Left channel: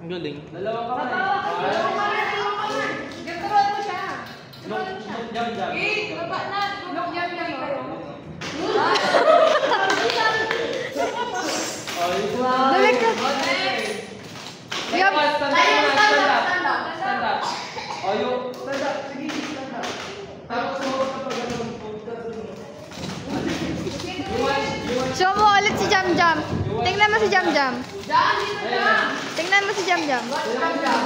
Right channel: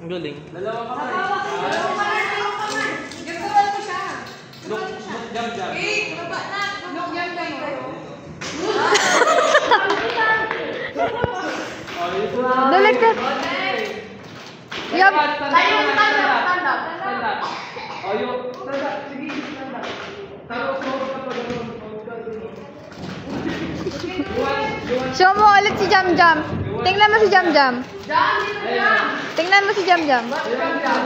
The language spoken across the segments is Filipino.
Ang galing. Dalawang kamay. Dalawang kamay. Gagawin mo siya. Look, jump. Baba na. Look, jump kayo. Balik ka. Yup. Stand up. Oh, you stand up. Sige, stand up. Tapos mo ka to ganun. Show mo ulit si Jam Jam. Tingnan mo si Jam Jam. Jam, dito jam. Tingnan mo si Jam Jam. Jam.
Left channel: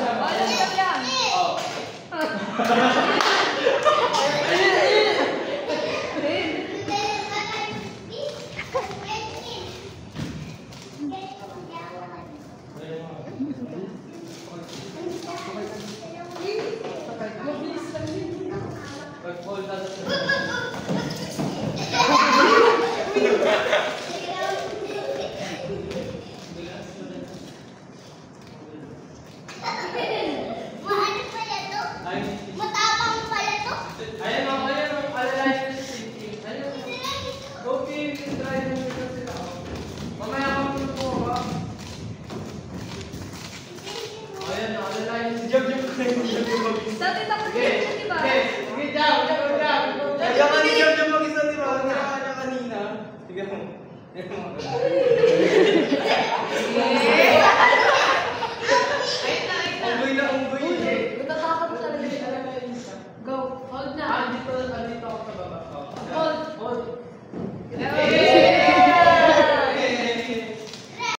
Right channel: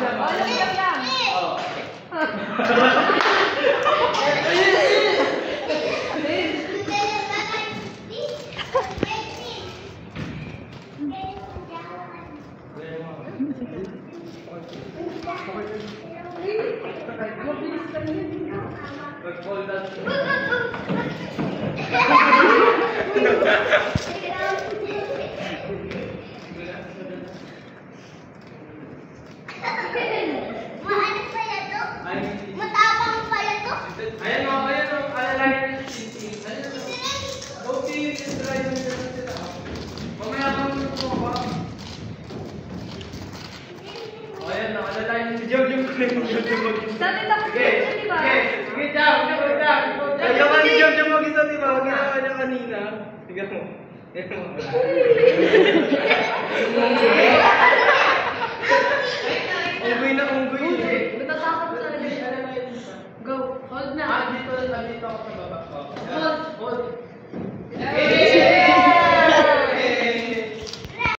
Matapang pala to. Ayan o. Alalay yung sisi. Ayan o. Okay, try mo sila. Mamaya ka muna po ba? Ayan o. Alalay yung si Jom. Dati tapos Sige, di ba? sige, Jom. Ayaw ka ni Jom mag-isa, di ba? Ginawa niya kanina. Sige mo. Unggoy. Natatakot talaga siya. Go. Hold na. Dito ako sa baba. Hold. Hold. Okay.